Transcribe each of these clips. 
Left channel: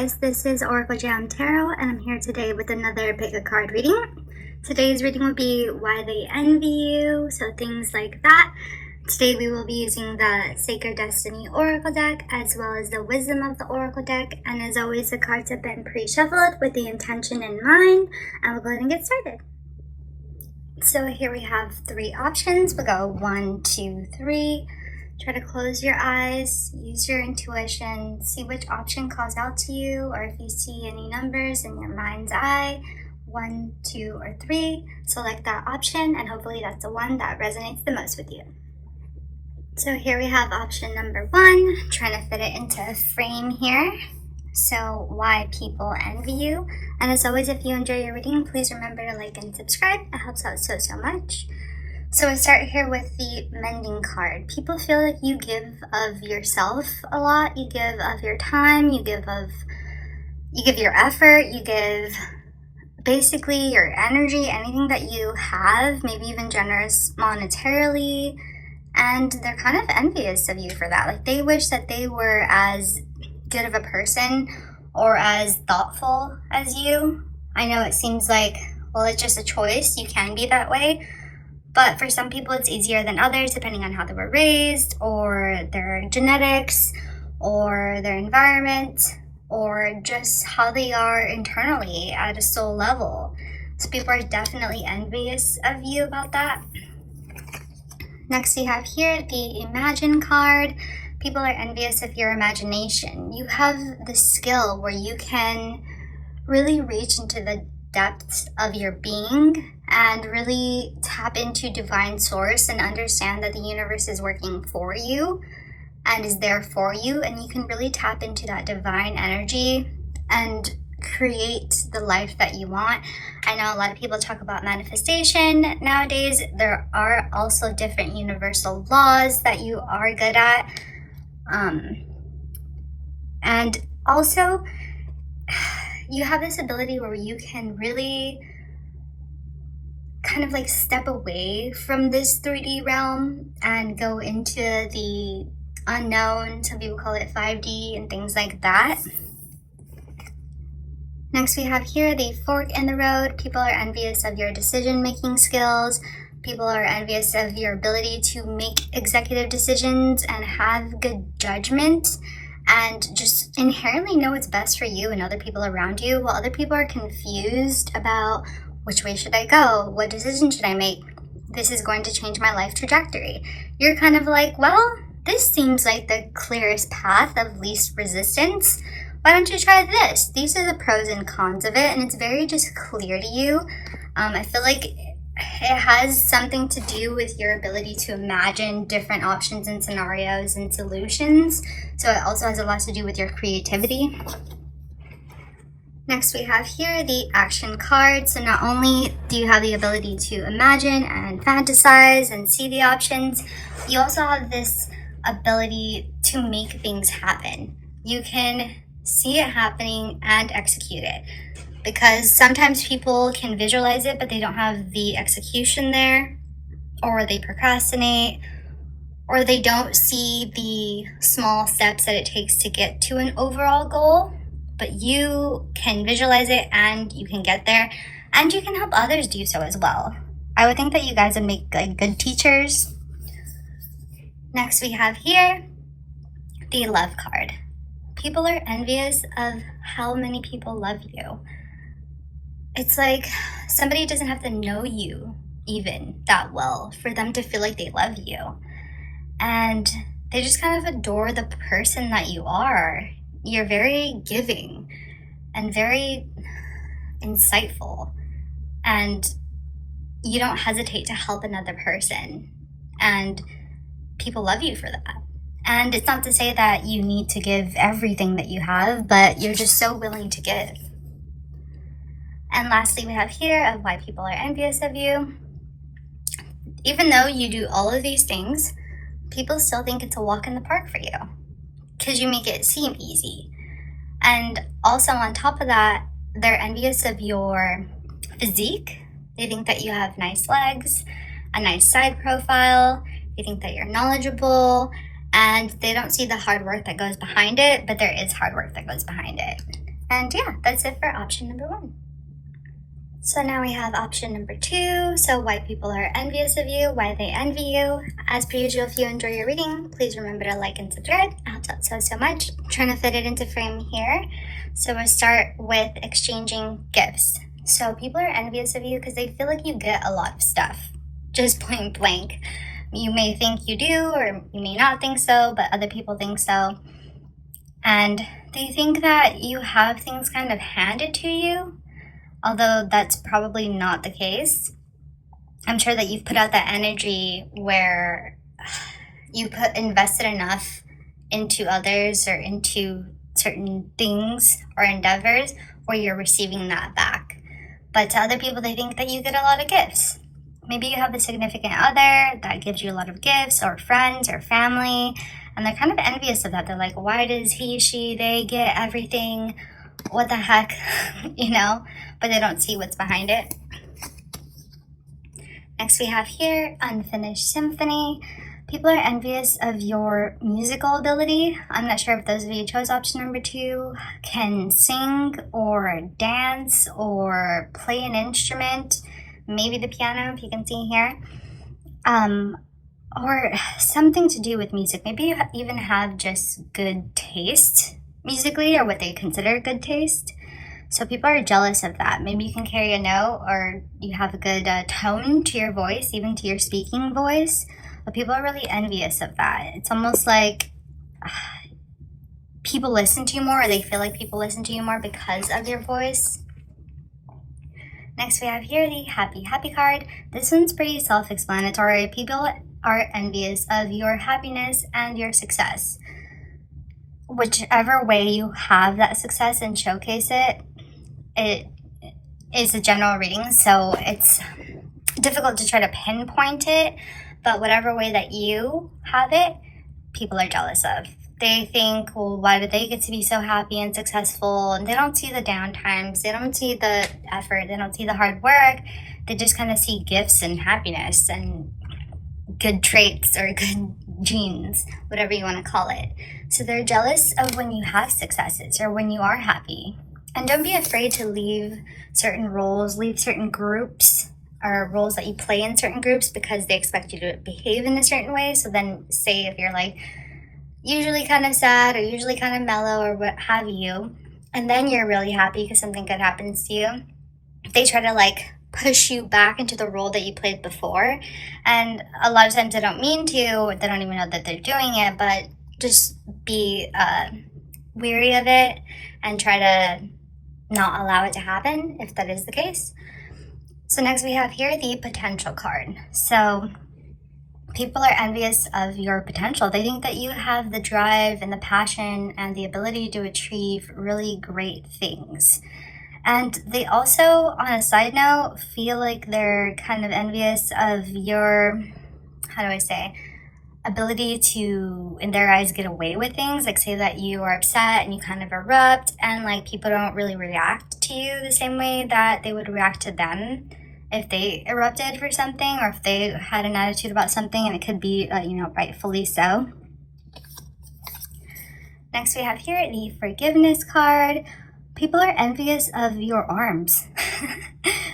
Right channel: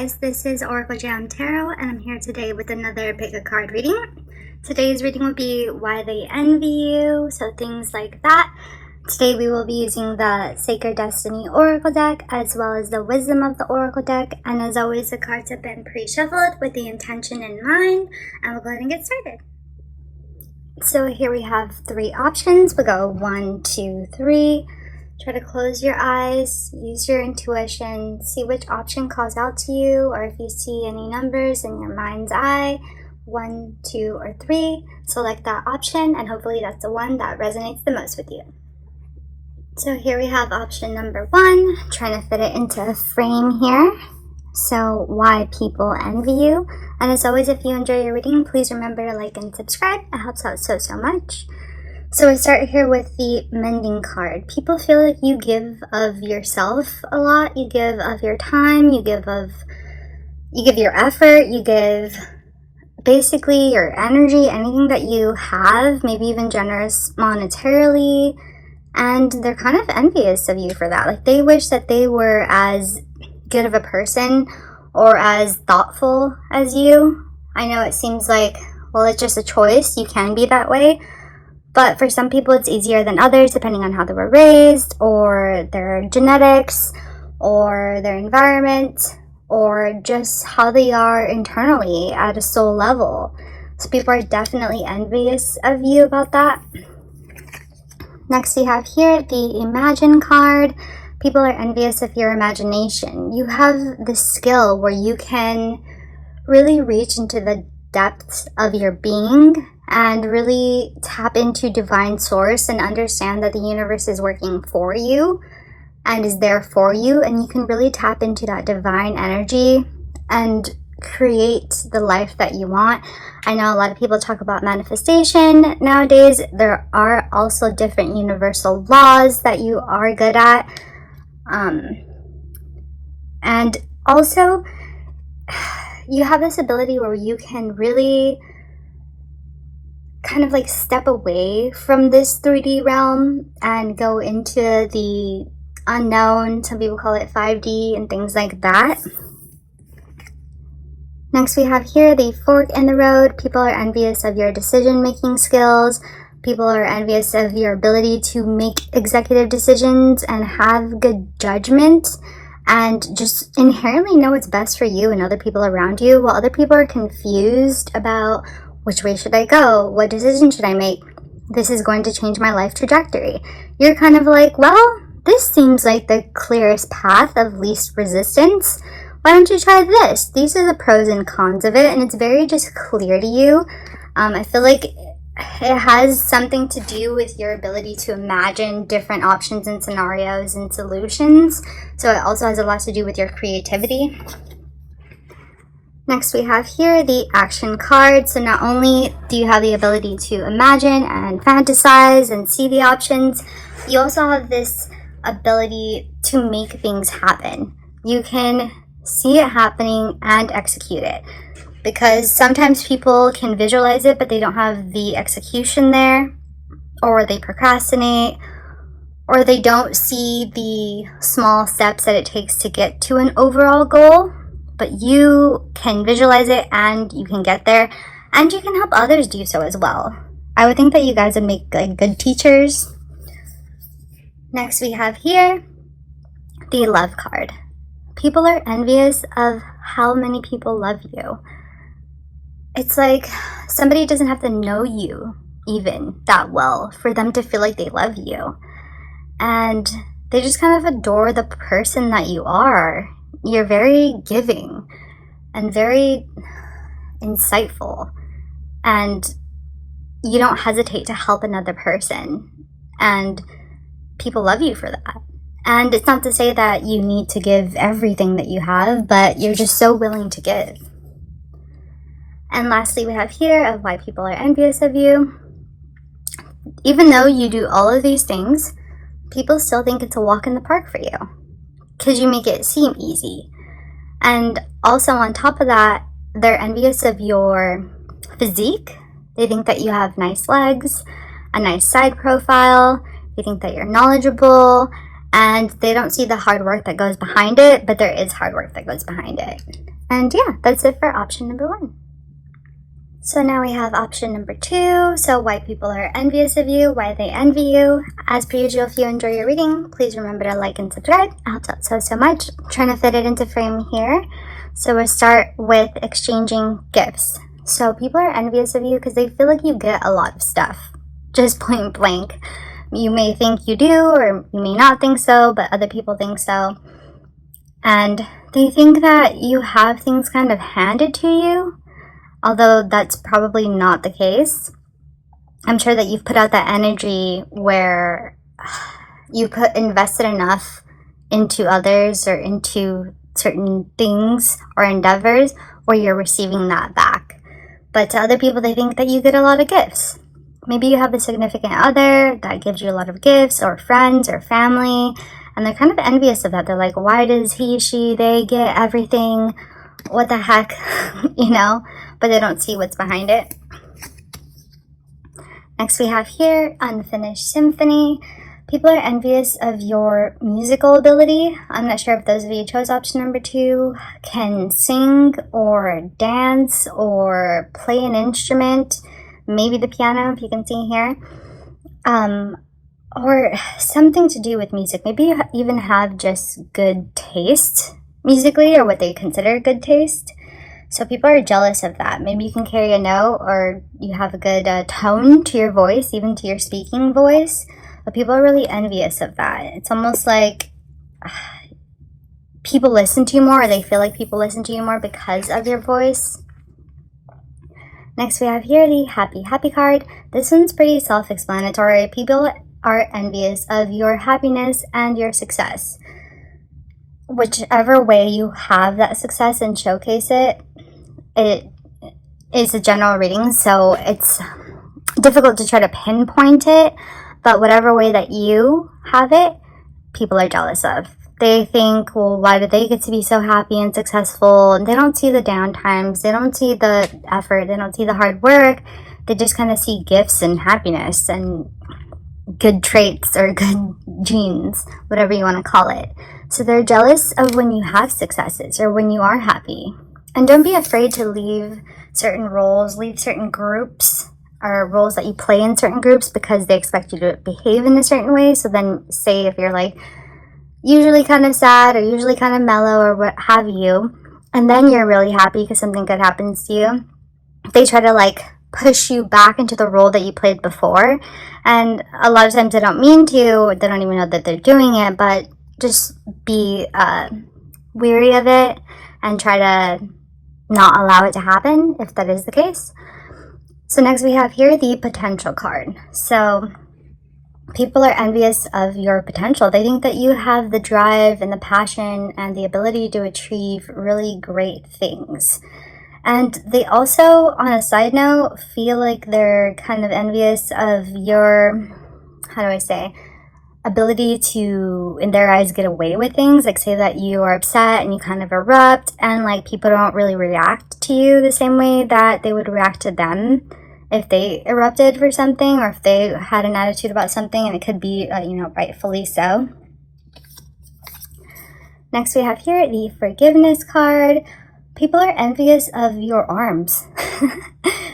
guys, this is Oracle Jam Tarot, and I'm here today with another pick a card reading. Today's reading will be why they envy you, so things like that. Today we will be using the Sacred Destiny Oracle deck as well as the Wisdom of the Oracle deck, and as always the cards have been pre-shuffled with the intention in mind, and we'll go ahead and get started. So here we have three options. We'll go 1, 2, 3. Try to close your eyes, use your intuition, see which option calls out to you, or if you see any numbers in your mind's eye, 1, 2, or 3, select that option, and hopefully that's the one that resonates the most with you. So here we have option number 1, trying to fit it into a frame here. So why people envy you. And as always, if you enjoy your reading, please remember to like and subscribe. It helps out so much. So we start here with the Mending card. People feel like you give of yourself a lot. You give of your time, you give your effort, you give basically your energy, anything that you have, maybe even generous monetarily, and they're kind of envious of you for that. Like they wish that they were as good of a person or as thoughtful as you. I know it seems like, well, it's just a choice. You can be that way. But for some people, it's easier than others, depending on how they were raised, or their genetics, or their environment, or just how they are internally at a soul level. So people are definitely envious of you about that. Next, we have here the Imagine card. People are envious of your imagination. You have the skill where you can really reach into the depths of your being and really tap into divine source and understand that the universe is working for you and is there for you, and you can really tap into that divine energy and create the life that you want. I know a lot of people talk about manifestation nowadays. There are also different universal laws that you are good at, and also you have this ability where you can really kind of like step away from this 3D realm and go into the unknown. Some people call it 5D and things like that. Next, we have here the Fork in the Road. People are envious of your decision-making skills. People are envious of your ability to make executive decisions and have good judgment and just inherently know what's best for you and other people around you, while other people are confused about which way should I go? What decision should I make? This is going to change my life trajectory. You're kind of like, well, this seems like the clearest path of least resistance. Why don't you try this? These are the pros and cons of it, and it's very just clear to you. I feel like it has something to do with your ability to imagine different options and scenarios and solutions. So it also has a lot to do with your creativity. Next, we have here the Action card. So not only do you have the ability to imagine and fantasize and see the options, you also have this ability to make things happen. You can see it happening and execute it, because sometimes people can visualize it, but they don't have the execution there, or they procrastinate, or they don't see the small steps that it takes to get to an overall goal. But you can visualize it and you can get there, and you can help others do so as well. I would think that you guys would make like good teachers. Next, we have here the Love card. People are envious of how many people love you. It's like somebody doesn't have to know you even that well for them to feel like they love you. And they just kind of adore the person that you are. You're very giving and very insightful, and you don't hesitate to help another person, and people love you for that. And it's not to say that you need to give everything that you have, but you're just so willing to give. And lastly, we have here of why people are envious of you. Even though you do all of these things, people still think it's a walk in the park for you, because you make it seem easy. And also on top of that, they're envious of your physique. They think that you have nice legs, a nice side profile. They think that you're knowledgeable, and they don't see the hard work that goes behind it, but there is hard work that goes behind it. And yeah, that's it for option number 1. So now we have option number 2. So why people are envious of you, why they envy you. As per usual, if you enjoy your reading, please remember to like and subscribe. It helps out so much. I'm trying to fit it into frame here. So we'll start with exchanging gifts. So people are envious of you because they feel like you get a lot of stuff. Just point blank. You may think you do, or you may not think so, but other people think so. And they think that you have things kind of handed to you, although that's probably not the case. I'm sure that you've put out that energy where you invested enough into others or into certain things or endeavors where you're receiving that back. But to other people, they think that you get a lot of gifts. Maybe you have a significant other that gives you a lot of gifts, or friends or family, and they're kind of envious of that. They're like, why does he, she, they get everything? What the heck? But they don't see what's behind it. Next we have here, Unfinished Symphony. People are envious of your musical ability. I'm not sure if those of you who chose option number 2 can sing or dance or play an instrument, maybe the piano if you can see here, or something to do with music. Maybe you even have just good taste musically, or what they consider good taste. So people are jealous of that. Maybe you can carry a note, or you have a good tone to your voice, even to your speaking voice. But people are really envious of that. It's almost like people listen to you more, or they feel like people listen to you more because of your voice. Next we have here the Happy card. This one's pretty self-explanatory. People are envious of your happiness and your success. Whichever way you have that success and showcase it, it is a general reading, so it's difficult to try to pinpoint it, but whatever way that you have it, people are jealous of. They think, well, why do they get to be so happy and successful? And they don't see the downtimes, they don't see the effort, they don't see the hard work. They just kind of see gifts and happiness and good traits or good genes, whatever you want to call it. So they're jealous of when you have successes or when you are happy. And don't be afraid to leave certain roles, leave certain groups, or roles that you play in certain groups because they expect you to behave in a certain way. So then say if you're like usually kind of sad or usually kind of mellow or what have you, and then you're really happy because something good happens to you, they try to like push you back into the role that you played before. And a lot of times they don't mean to, they don't even know that they're doing it, but just be weary of it and try to not allow it to happen if that is the case. So next we have here the Potential card. So people are envious of your potential. They think that you have the drive and the passion and the ability to achieve really great things. And they also, on a side note, feel like they're kind of envious of your, ability to, in their eyes, get away with things. Like say that you are upset and you kind of erupt, and like people don't really react to you the same way that they would react to them if they erupted for something, or if they had an attitude about something, and it could be, rightfully so. Next we have here the Forgiveness card. People are envious of your arms.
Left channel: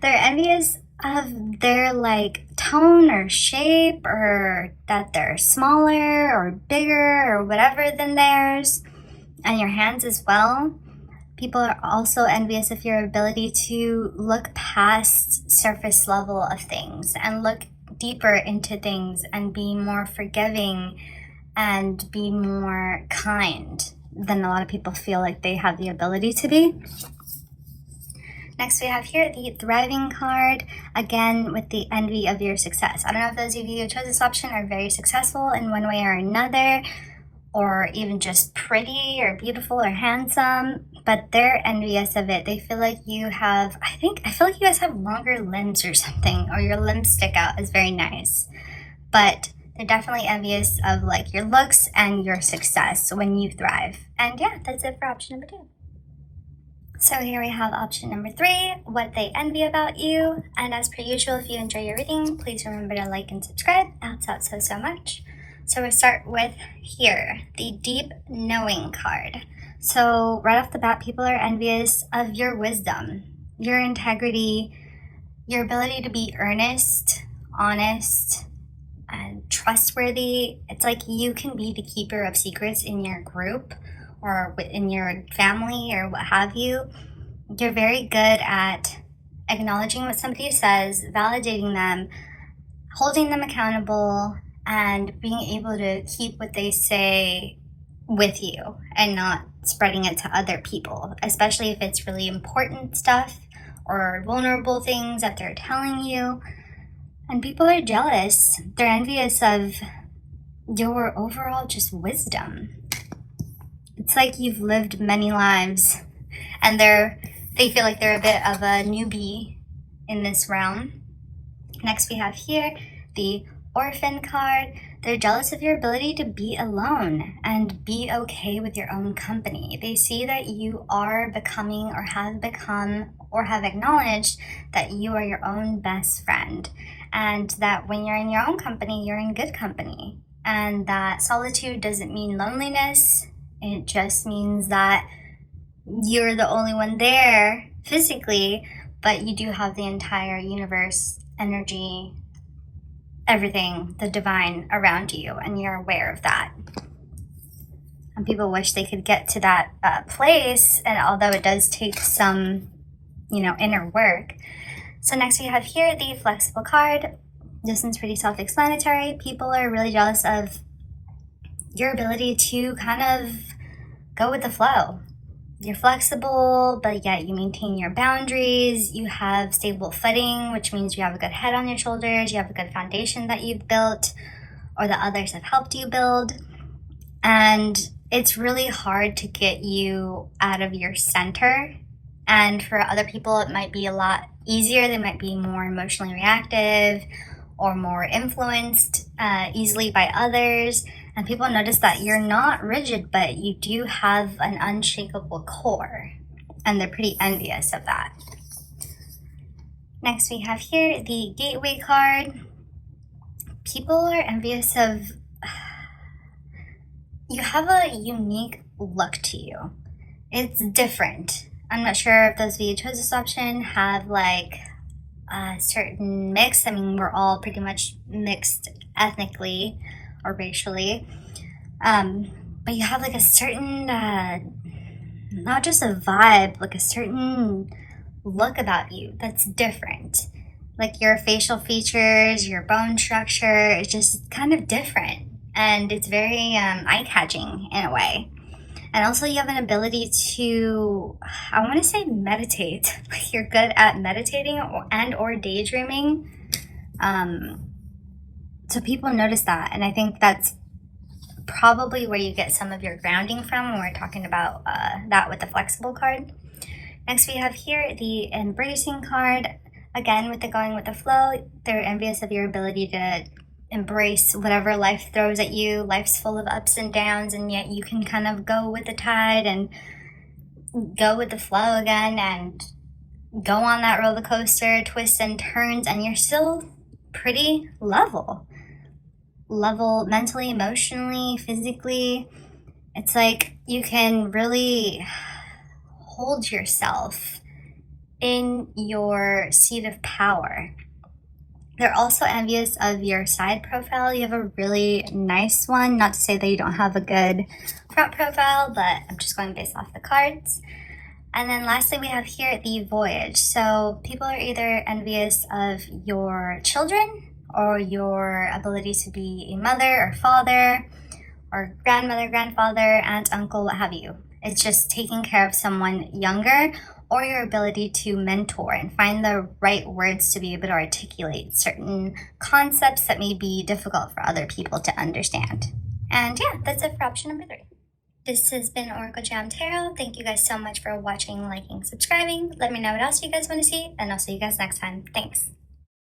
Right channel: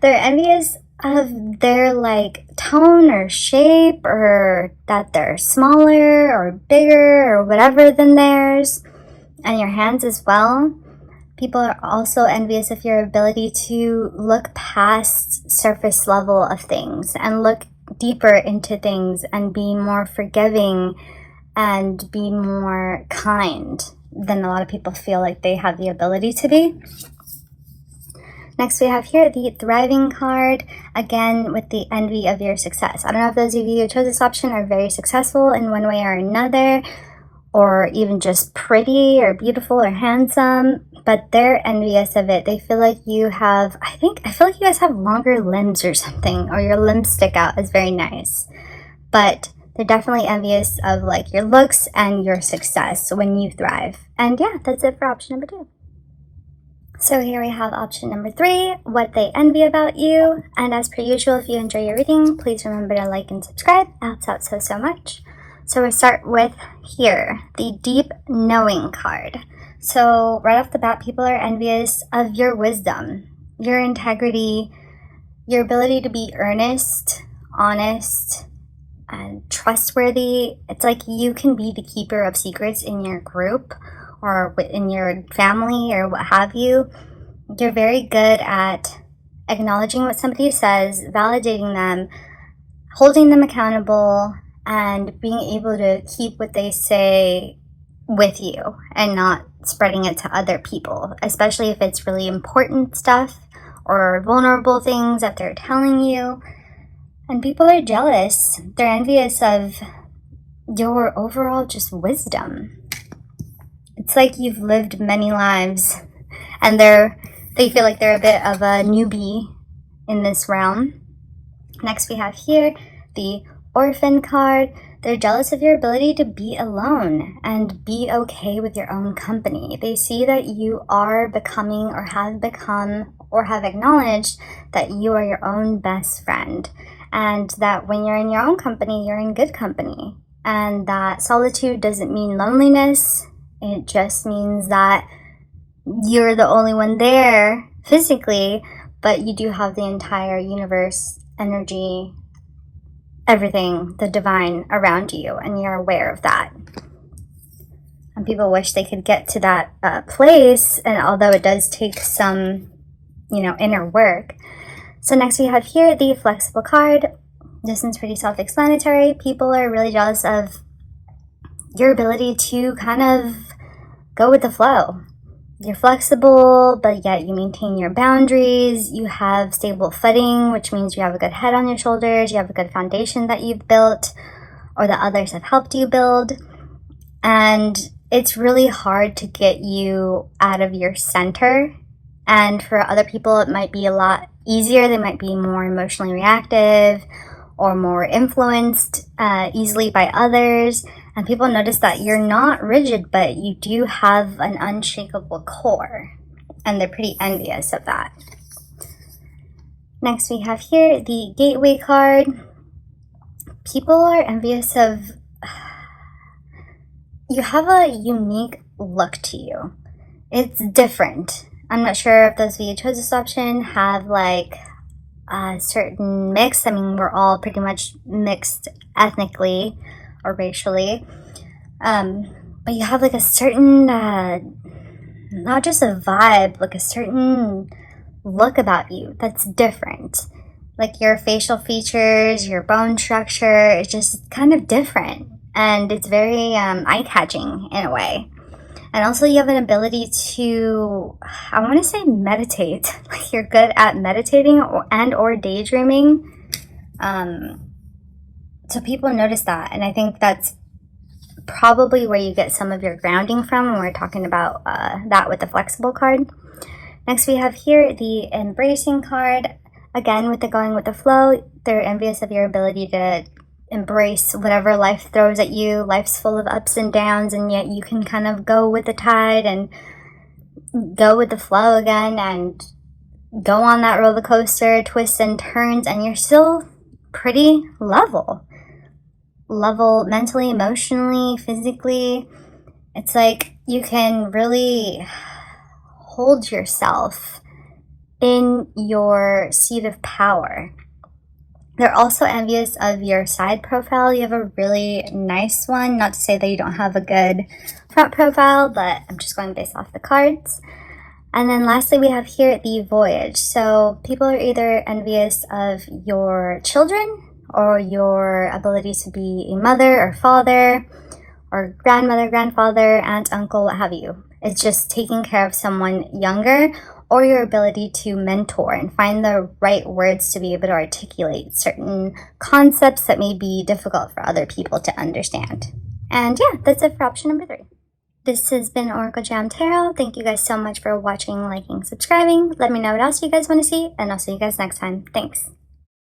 They're envious of their like tone or shape, or that they're smaller or bigger or whatever than theirs, and your hands as well. People are also envious of your ability to look past surface level of things and look deeper into things and be more forgiving and be more kind than a lot of people feel like they have the ability to be. Next we have here the Thriving card, again with the envy of your success. I don't know if those of you who chose this option are very successful in one way or another, or even just pretty or beautiful or handsome, but they're envious of it. They feel like you have, I feel like you guys have longer limbs or something, or your limbs stick out as very nice. But they're definitely envious of like your looks and your success when you thrive. And yeah, that's it for option number 2. So here we have option number 3, what they envy about you. And as per usual, if you enjoy your reading, please remember to like and subscribe. It helps out so much. So we start with here, the Deep Knowing card. So right off the bat, people are envious of your wisdom, your integrity, your ability to be earnest, honest, and trustworthy. It's like you can be the keeper of secrets in your group or in your family or what have you. You're very good at acknowledging what somebody says, validating them, holding them accountable, and being able to keep what they say with you and not spreading it to other people, especially if it's really important stuff or vulnerable things that they're telling you. And people are jealous. They're envious of your overall just wisdom. It's like you've lived many lives and they feel like they're a bit of a newbie in this realm. Next we have here the Orphan card. They're jealous of your ability to be alone and be okay with your own company. They see that you are becoming or have become or have acknowledged that you are your own best friend, and that when you're in your own company, you're in good company, and that solitude doesn't mean loneliness. It just means that you're the only one there physically, but you do have the entire universe, energy, everything, the divine around you, and you're aware of that. And people wish they could get to that place, and although it does take some, inner work. So next we have here the Flexible card. This one's pretty self-explanatory. People are really jealous of your ability to kind of go with the flow. You're flexible, but yet you maintain your boundaries. You have stable footing, which means you have a good head on your shoulders. You have a good foundation that you've built or that others have helped you build. And it's really hard to get you out of your center. And for other people, it might be a lot easier. They might be more emotionally reactive or more influenced easily by others. And people notice that you're not rigid, but you do have an unshakable core. And they're pretty envious of that. Next we have here the Gateway card. People are envious of... You have a unique look to you. It's different. I'm not sure if those of you who chose this option have like a certain mix. I mean, we're all pretty much mixed ethnically or racially, but you have like a certain not just a vibe, like a certain look about you that's different. Like your facial features, your bone structure is just kind of different, and it's very eye-catching in a way. And also you have an ability to, I want to say meditate. Like you're good at meditating or daydreaming. So people notice that, and I think that's probably where you get some of your grounding from when we're talking about that with the Flexible card. Next we have here the Embracing card. Again, with the going with the flow, they're envious of your ability to embrace whatever life throws at you. Life's full of ups and downs, and yet you can kind of go with the tide and go with the flow again and go on that roller coaster, twists and turns, and you're still pretty level mentally, emotionally, physically. It's like you can really hold yourself in your seat of power. They're also envious of your side profile. You have a really nice one. Not to say that you don't have a good front profile, but I'm just going based off the cards. And then lastly, we have here the Voyage. So people are either envious of your children or your ability to be a mother or father or grandmother, grandfather, aunt, uncle, what have you. It's just taking care of someone younger, or your ability to mentor and find the right words to be able to articulate certain concepts that may be difficult for other people to understand. And yeah, that's it for option number 3. This has been Oracle Jam Tarot. Thank you guys so much for watching, liking, subscribing. Let me know what else you guys want to see, and I'll see you guys next time. Thanks.